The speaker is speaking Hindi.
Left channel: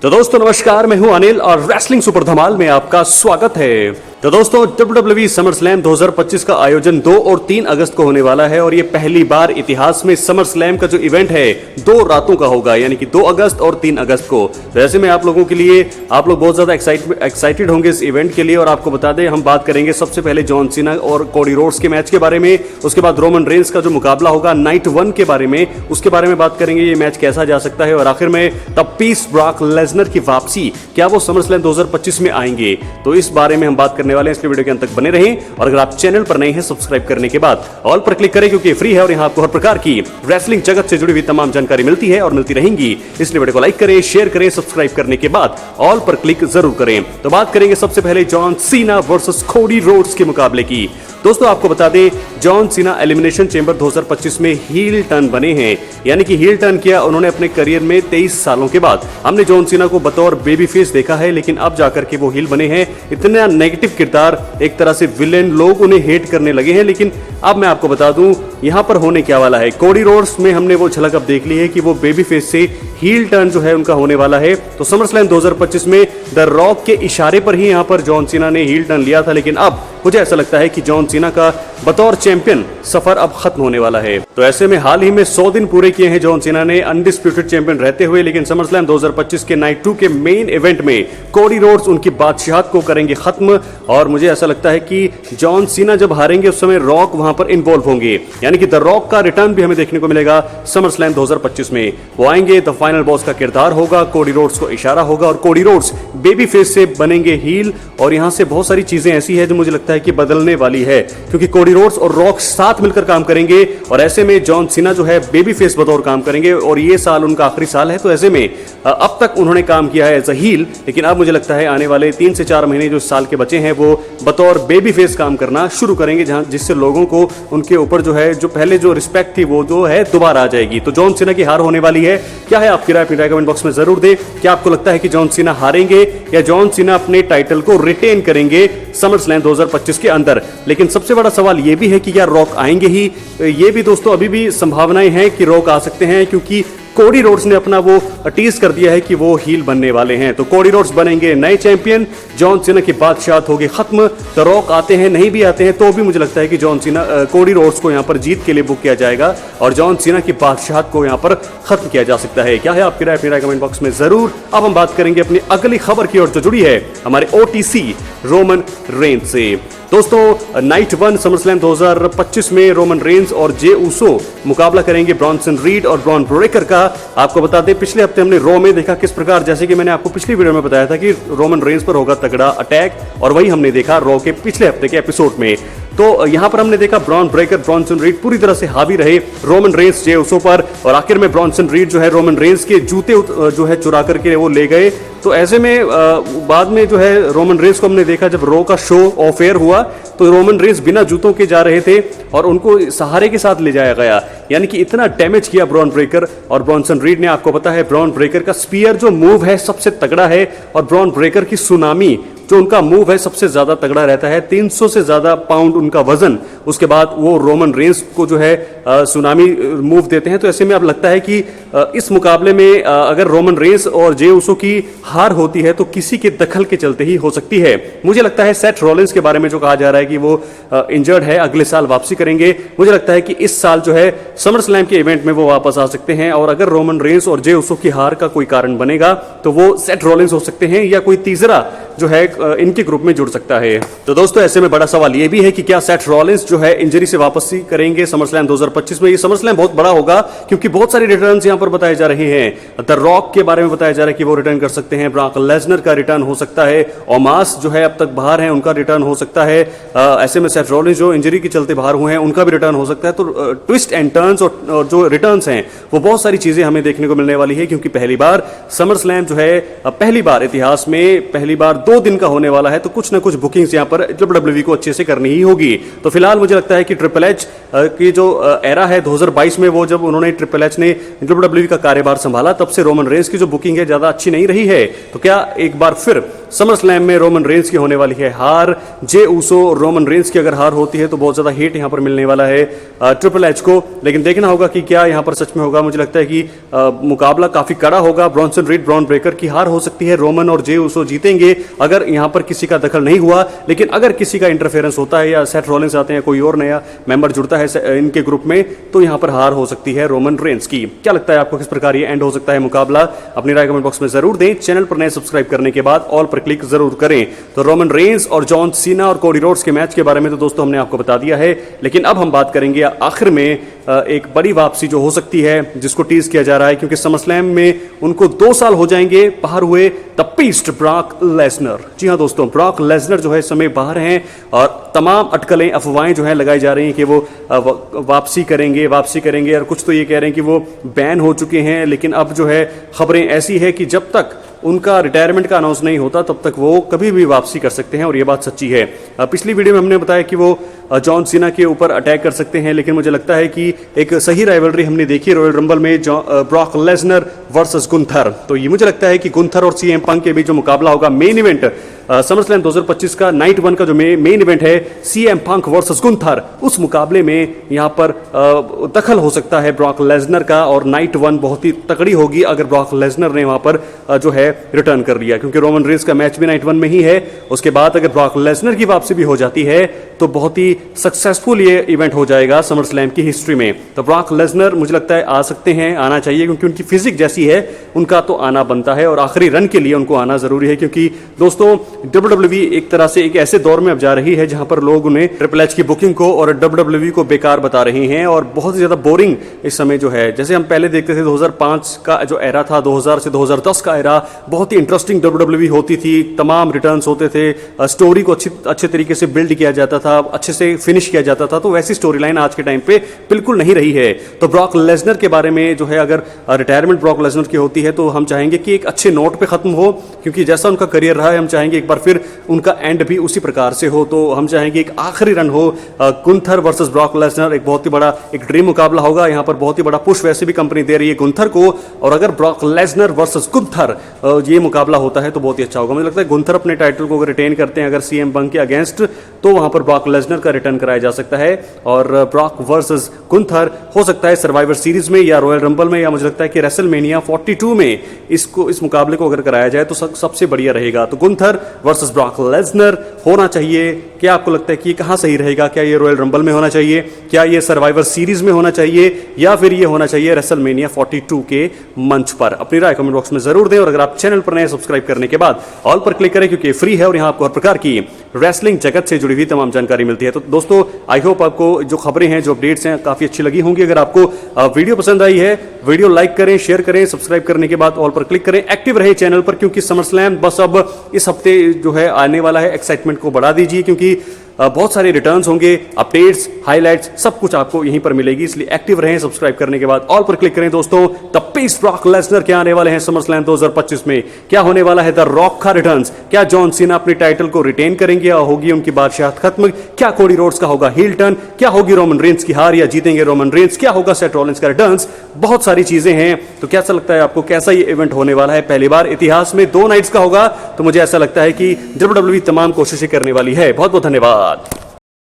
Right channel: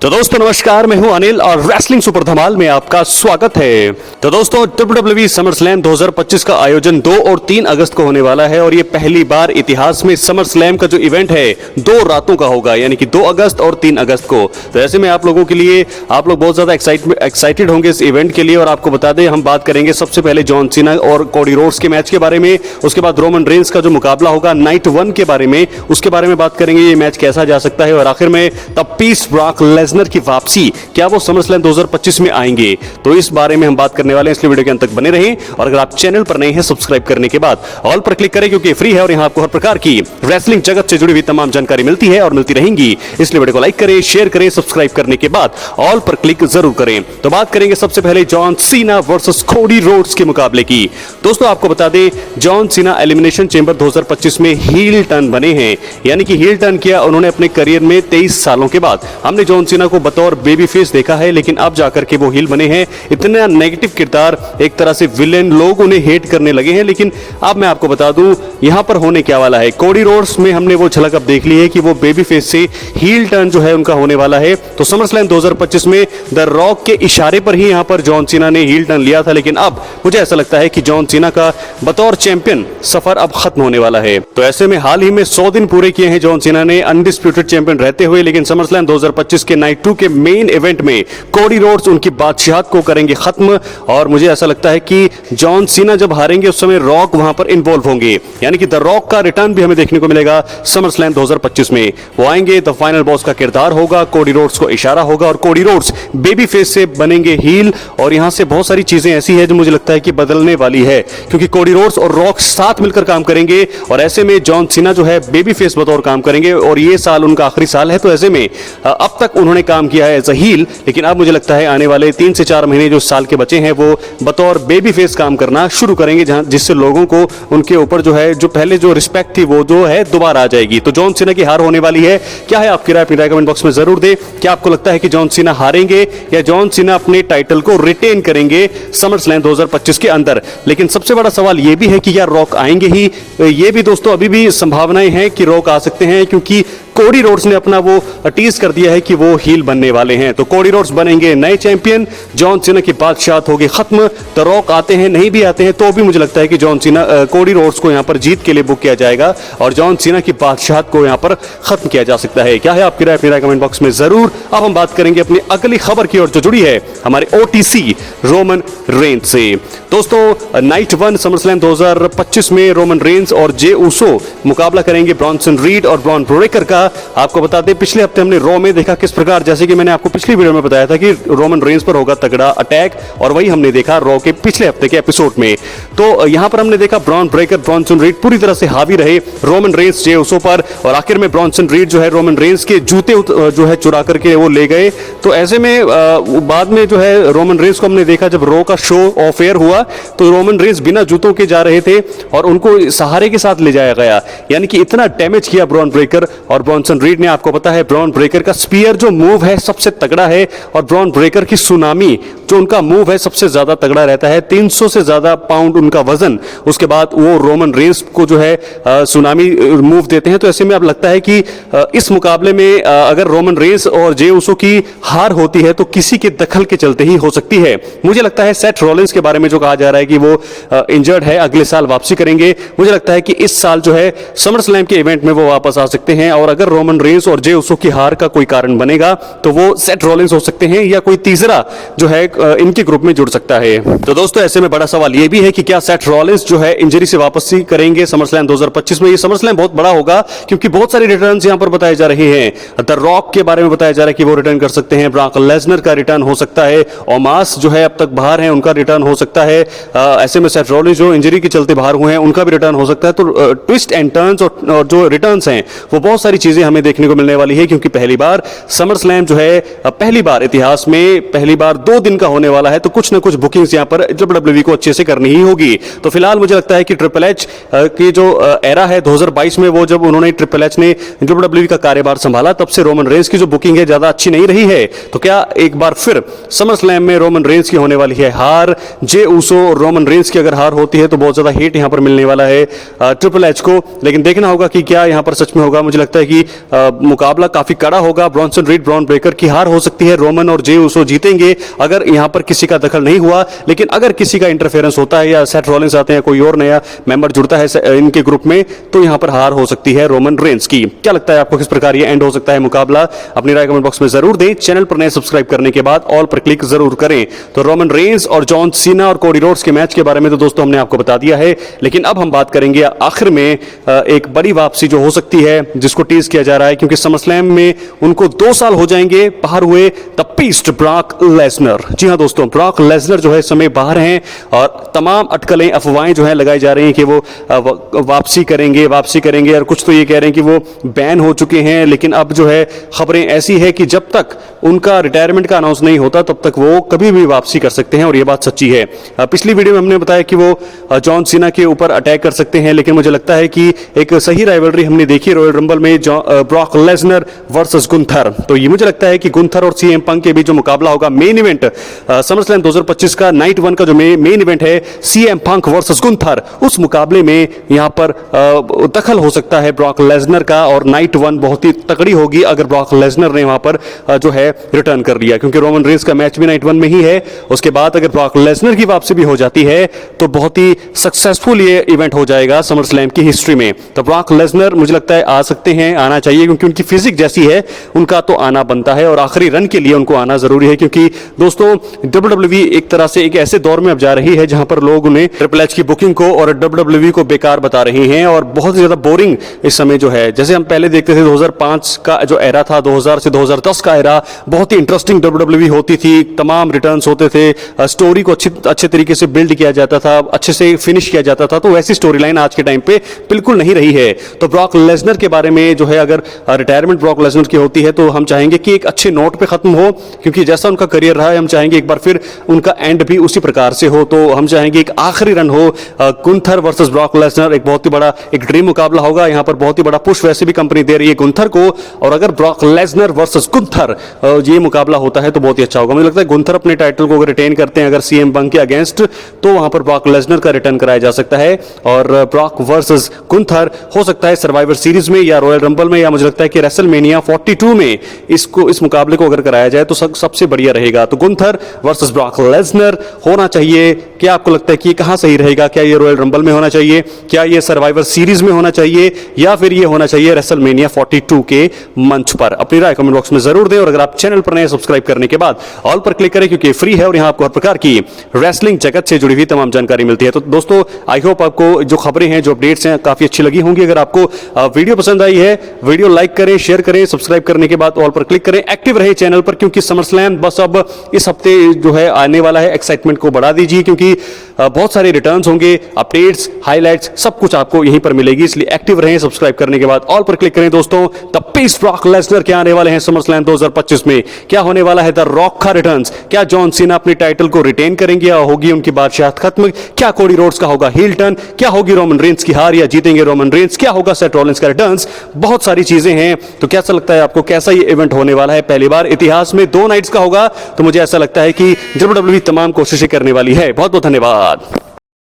तो दोस्तों नमस्कार, मैं हूं अनिल और रेसलिंग सुपर धमाल में आपका स्वागत है। तो दोस्तों WWE समरस्लैम 2025 का आयोजन 2 और 3 अगस्त को होने वाला है और ये पहली बार इतिहास में समरस्लैम का जो इवेंट है 2 रातों का होगा, यानी कि 2 अगस्त और 3 अगस्त को। तो ऐसे में आप लोगों के लिए आप लोग बहुत ज्यादा एक्साइटेड होंगे इस इवेंट के लिए। और आपको बता दें, हम बात करेंगे सबसे पहले जॉन सीना और कोडी रोड्स के मैच के बारे में, उसके बाद रोमन रेंस का जो मुकाबला होगा नाइट 1 के बारे में, उसके बारे में बात करेंगे ये मैच कैसा जा सकता है, और आखिर में द पीस ब्रॉक लेसनर की वापसी, क्या वो समरस्लैम 2025 में आएंगे। तो इस बारे में हम बात करने वाले हैं, इसलिए वीडियो के अंत तक बने रहें। और अगर आप चैनल पर नए हैं, सब्सक्राइब करने के बाद ऑल पर क्लिक करें, क्योंकि फ्री है और यहां आपको हर प्रकार की रेसलिंग जगत से जुड़ी हुई तमाम जानकारी मिलती है और मिलती रहेंगी। इसलिए वीडियो को लाइक करें, शेयर करें, सब्सक्राइब करने के बाद ऑल पर क्लिक जरूर करें। तो बात करेंगे सबसे पहले John Cena versus Cody Rhodes के मुकाबले की। दोस्तों आपको बता दें, जॉन सीना एलिमिनेशन चेंबर 2025 में हील टर्न बने हैं, यानी कि हील टर्न किया उन्होंने अपने करियर में 23 सालों के बाद। हमने जॉन सीना को बतौर बेबी फेस देखा है, लेकिन अब जाकर के वो हील बने हैं। इतना नेगेटिव किरदार, एक तरह से विलेन, लोग उन्हें हेट करने लगे हैं। लेकिन अब मैं आपको बता दूं यहां पर होने क्या वाला है। कोडी रोड्स में हमने वो झलक अब देख ली है कि वो बेबी फेस से हील टर्न जो है उनका होने वाला है। तो समरस्लैम 2025 में द रॉक के इशारे पर ही यहां पर जॉन सीना ने हील टर्न लिया था, लेकिन अब मुझे ऐसा लगता है कि जॉन सीना का बतौर चैंपियन सफर अब खत्म होने वाला है। तो ऐसे में हाल ही में 100 दिन पूरे किए हैं जॉन सीना ने अनडिस्प्यूटेड चैंपियन रहते हुए, लेकिन समरस्लैम 2025 के नाइट 2 के मेन इवेंट में कोडी रोड्स उनकी बादशाहत को करेंगे खत्म। और मुझे ऐसा लगता है कि जॉन सीना जब हारेंगे उस समय रॉक वहां पर इन्वॉल्व होंगे, यानी कि द रॉक का रिटर्न भी हमें देखने को मिलेगा समरस्लैम 2025 में। वो आएंगे, द फाइनल बॉस का किरदार होगा, कोडी रोड्स को इशारा होगा और कोडी रोड्स बेबी फेस से बनेंगे हील। और यहां से बहुत सारी चीजें ऐसी है जो मुझे लगता है कि बदलने वाली है, क्योंकि कोडी रोड्स और रॉक साथ मिलकर काम करेंगे और ऐसे में जॉन सीना जो है बेबी फेस बतौर काम करेंगे। और ये साल उनका आखिरी साल है, तो ऐसे में अब तक उन्होंने काम किया है एज अ हील, लेकिन अब मुझे लगता है आने वाले 3 से 4 महीने जो साल के बचे हैं वो बतौर बेबी फेस काम करना शुरू करेंगे, जहां जिससे लोगों को उनके ऊपर जो है, जो पहले जो रिस्पेक्ट थी वो जो है दोबारा आ जाएगी। तो जॉन सीना की हार होने वाली है। क्या है आपकी राय? अपनी राय कमेंट बॉक्स में जरूर दे। क्या आपको लगता है कि जॉन सीना हारेंगे या जॉन सीना अपने टाइटल को रिटेन करेंगे समरस्लैम 2025 के अंदर? लेकिन सबसे बड़ा सवाल ये भी है कि क्या रॉक आएंगे ही? ये भी दोस्तों अभी भी संभावनाएं हैं कि रॉक आ सकते हैं, क्योंकि कोडी रोड्स ने अपना वो टीज कर दिया है कि वो हील बनने वाले हैं। तो कोडी रोड्स बनेंगे नए चैंपियन, जॉन सीना की बादशाहत होगी खत्म। तो रॉक आते हैं, नहीं भी आते हैं तो भी मुझे लगता है कि जॉन सीना कोडी रोड्स को यहां पर जीत के लिए बुक किया जाएगा और जॉन सीना की बादशाहत को यहां पर खत्म किया जा सकता है। क्या है आपकी राय? अपनी राय कमेंट बॉक्स में जरूर। अब हम बात करेंगे अपनी अगली खबर की ओर जो जुड़ी है हमारे OTC रोमन रेंस से। दोस्तों नाइट 1 समरस्लैम 2025 में रोमन रेंस और जे ऊसो मुकाबला करेंगे ब्रॉन्सन रीड और ब्रॉन ब्रेकर का। आपको बता दें, पिछले हफ्ते हमने रॉ में देखा किस प्रकार, जैसे कि मैंने आपको पिछली वीडियो में बताया था कि रोमन रेंस पर होगा तगड़ा अटैक, और वही हमने देखा रॉ के पिछले हफ्ते के एपिसोड में। तो यहां पर हमने देखा ब्रॉन ब्रेकर, ब्रॉन्सन रीड पूरी तरह से हावी रहे रोमन रेंस जे ऊसो पर, और आखिर में ब्रॉन्सन रीड जो है रोमन रेंस के जूते जो है चुरा करके वो ले गए। तो ऐसे में बाद में जो है रोमन रेंस को हमने देखा, जब रॉ का शो ऑफ एयर हुआ तो रोमन रेंस बिना जूतों के जा रहे थे और उनको सहारे के साथ ले जाया गया, यानी कि इतना डैमेज किया ब्रॉन ब्रेकर और ब्रॉन्सन रीड ने। आपको पता है ब्रॉन ब्रेकर का स्पीयर जो मूव है सबसे तगड़ा है, और ब्रॉन ब्रेकर की सुनामी जो उनका मूव है सबसे ज्यादा तगड़ा रहता है, 300 से ज्यादा पाउंड उनका वजन। उसके बाद वो रोमन रेंस को जो है सुनामी मूव देते हैं। तो ऐसे में अब लगता है कि इस मुकाबले में अगर रोमन रेंस और जे ऊसो की हार होती है तो किसी के दखल के चलते ही हो सकती है। मुझे लगता है सेथ रॉलिंस के बारे में जो कहा जा रहा है कि वो इंजर्ड है, अगले साल वापसी करेंगे। मुझे लगता है कि इस साल जो है समरस्लैम के इवेंट में वो वापस आ सकते हैं, और अगर रोमन रेंस और जे ऊसो की हार का कोई कारण बनेगा तो वो सेथ रॉलिंस हो सकते हैं, या कोई तीसरा जो है इनके ग्रुप में जुड़ सकता है। तो दोस्तों ऐसे में बड़ा सवाल ये भी है कि क्या सेथ रॉलिंस जो है इंजरी से वापसी करेंगे समरस्लैम 2025 में? ये समरस्लैम बहुत बड़ा होगा, क्योंकि बहुत सारे रिटर्न्स यहां पर बताए जा रहे हैं। द रॉक के बारे में बताया जा रहा है कि वो रिटर्न कर सकते हैं, ब्रॉक लेसनर का रिटर्न हो सकता है, ओमास जो है अब तक बाहर है उनका रिटर्न हो सकता है। ऐसे में सेथ रॉलिंस जो इंजरी के चलते बाहर हुए हैं उनका भी रिटर्न हो सकता है। तो ट्विस्ट एंड टर्न्स और जो रिटर्न्स हैं वो बहुत सारी चीजें हमें देखने को मिलने वाली है, क्योंकि पहली बार समरस्लैम जो है पहली बार इतिहास में पहली बार 2 दिन का होने वाला है। तो कुछ ना कुछ बुकिंग्स यहां पर WWE को अच्छे से करनी ही होगी। तो फिलहाल मुझे लगता है कि ट्रिपल एच की जो एरा है 2022 में, वो जब उन्होंने ट्रिपल एच ने WWE का कार्यभार संभाला तब से रोमन रेंस की जो बुकिंग है ज्यादा अच्छी नहीं रही है। तो क्या एक बार फिर समरस्लैम में रोमन रेंस की होने वाली है हार? जे ऊसो उसो और रोमन रेंस की अगर हार होती है तो बहुत ज्यादा हेट यहाँ पर मिलने वाला है ट्रिपल एच को। लेकिन देखना होगा कि क्या यहाँ पर सच में होगा। मुझे लगता है कि मुकाबला काफी कड़ा होगा। ब्रॉन्सन रीड ब्रॉन ब्रेकर की हार हो सकती है, रोमन और जे उसो जीतेंगे अगर यहाँ पर किसी का दखल नहीं हुआ। लेकिन अगर किसी का इंटरफेरेंस होता है या सेथ रॉलिंस आते हैं, कोई और नया मेंबर जुड़ता है इनके ग्रुप में, तो यहाँ पर हार हो सकती है रोमन रेंस की। क्या लगता है आपको, किस प्रकार ये एंड हो सकता है मुकाबला? अपनी राय कमेंट बॉक्स में जरूर दें। चैनल पर नए सब्सक्राइब करने के बाद ऑल पर क्लिक जरूर करें। तो रोमन रेंस और जॉन सीना और कोडी रोड्स के मैच के बारे में तो दोस्तों हमने आपको बता दिया है, लेकिन अब हम बात करेंगे आखिर में एक बड़ी वापसी जो हो सकती है जिसको टीज किया जा रहा है, क्योंकि समरस्लैम में उनको 2 साल हो जाएंगे बाहर हुए, द बीस्ट ब्रॉक लेसनर। जी हां दोस्तों, ब्रॉक लेसनर जो है समय बाहर हैं और तमाम अटकलें अफवाहें जो है लगाई जा रही हैं कि वो वापसी करेंगे और कुछ तो ये कह रहे हैं कि वो बैन हो चुके हैं। लेकिन अब जो है खबरें ऐसी है कि जब तक उनका रिटायरमेंट का अनाउंस नहीं होता तब तक वो कभी भी वापसी कर सकते हैं, और ये बात सच्ची है। पिछली वीडियो में हमने बताया कि वो जॉन सीना के ऊपर अटैक कर सकते हैं, लेकिन मुझे लगता है कि एक सही राइवलरी हमने देखी रॉयल रंबल में ब्रॉक लेसनर वर्सेस गुंथर। तो ये मुझे लगता है कि गुंथर और सीएम पंक के बीच जो मुकाबला होगा मेन इवेंट समरस्लैम 2025 का नाइट 1 का जो मेन इवेंट है सीएम पंक वर्सेस गुंथर, उस मुकाबले में यहां पर दखल हो सकता है ब्रॉक लेसनर का, और नाइट 1 बहुत ही तकड़ी होगी अगर ब्रॉक लेसनर ने वहां पर जो है रिटर्न कर लिया, क्योंकि रोमन रेंस का मैच भी नाइट 1 में ही है। उसके बाद अगर ब्रॉक लेसनर की वापसी भी हो जाती है तो बहुत ही सक्सेसफुल ये इवेंट हो जाएगा समरस्लैम की हिस्ट्री में। तो ब्रॉक लेसनर मुझे लगता है आ सकते हैं, आना चाहिए, क्योंकि उनकी फिजिक जैसी है, उनका तो आना बनता है और आखिरी रन के लिए उनको आना जरूरी है। क्योंकि दोस्तों WWE एक तरह से एक ऐसे दौर में अब जा रही है जहां पर लोग उन्हें ट्रिपल एच की बुकिंग को और WWE को बेकार बता रहे हैं और बहुत ज्यादा बोरिंग इस समय जो है। जैसे हम पहले देखते थे 2005 का जो एरा था, 2000 से 2010 का एरा बहुत ही इंटरेस्टिंग WWE होती थी, तमाम रिटर्न्स होते थे, स्टोरी को अच्छे तरीके से बिल्ड किया जाता था, अच्छे से फिनिश किया जाता था। तो वैसी स्टोरी लाइन आज के टाइम पे बिल्कुल नहीं रही है। तो ब्रॉक लेसनर के बारे में जो है, अगर रिटायरमेंट ब्रॉक लेसनर की होती है तो हम चाहेंगे कि एक अच्छे नोट पे खत्म हो, क्योंकि जैसा उनका करियर रहा है हम चाहेंगे एक बार फिर उनका एंड भी उसी प्रकार से हो। तो हम चाहेंगे एक आखिरी रन हो गुंथर वर्सेस ब्रॉक लेसनर, एक बहुत ही बड़ा एक ड्रीम मुकाबला होगा। यहाँ पर बहुत ही बड़ा पुश वैसे भी कंपनी दे रही है गुंथर को, और अगर ब्रॉक लेसनर वर्सेस गुंथर ये मुकाबला होता है तो बहुत ही अच्छा होगा। मुझे लगता है गुंथर अपने टाइटल को अगर रिटेन करते हैं अगर सीएम पंक के अगेंस्ट, तो वहां पर ब्रॉक लेसनर का रिटर्न कराया जा सकता है, और ब्रॉक वर्सेस गुंथर हो सकता है सर्वाइवर सीरीज में या रॉयल रंबल में, या मुझे लगता है कि रेसलमेनिया 42 में इस मुकाबले को अगर कराया जाए तो सबसे बढ़िया रहेगा। तो गुंथर वर्सेस ब्रॉक लेसनर होना चाहिए। क्या आपको लगता है कि कहां सही रहेगा? क्या ये रॉयल रंबल में होना चाहिए, क्या ये सर्वाइवर सीरीज में होना चाहिए, या फिर ये होना चाहिए रेसलमेनिया 42 के मंच पर? अपनी राय कमेंट बॉक्स में जरूर दें, और अगर आप चैनल पर नए सब्सक्राइब करने के बाद ऑल पर क्लिक करें, क्योंकि फ्री है और यहां आपको हर प्रकार की रेसलिंग जगत से जुड़ी हुई तमाम जानकारी मिलती है। तो दोस्तों आई होप आपको जो खबरें हैं, जो अपडेट्स हैं, काफी अच्छी लगी होंगी। अगर आपको वीडियो पसंद आई है, वीडियो लाइक करें, शेयर करें, सब्सक्राइब करने के बाद ऑल पर क्लिक करें, एक्टिव रहे चैनल पर, क्योंकि समरस्लैम बस अब इस हफ्ते जो है आने वाला है। एक्साइटमेंट को बढ़ा दीजिए, क्योंकि बहुत सारे रिटर्न्स होंगे, अपडेट्स, हाइलाइट्स, सब कुछ आपको यहीं पर मिलेगी। इसलिए एक्टिव रहें, सब्सक्राइब करने के बाद ऑल पर क्लिक करें। दोस्तों द बीस्ट ब्रॉक लेसनर क्या आने वाले हैं समरस्लैम 2025 में? क्या होने वाला है द रॉक का रिटर्न्स? क्या जॉन सीना अपनी टाइटल को रिटेन करेंगे या होगी उनकी बादशाहत खत्म? क्या कोडी रोड्स का होगा हील टर्न? क्या होगी रोमन रेंस की हार या जीतेंगे रोमन रेंस? क्या होगा सेथ रॉलिंस का रिटर्न्स? बहुत सारी चीजें हैं। तो कैसा लगता है आपको, कैसा ये इवेंट होने वाला है? पहली बार इतिहास में 2 नाइट्स का होगा, तो मुझे ऐसा लगता है कि WWE तमाम कोशिशें करने वाली है। बहुत बहुत धन्यवाद।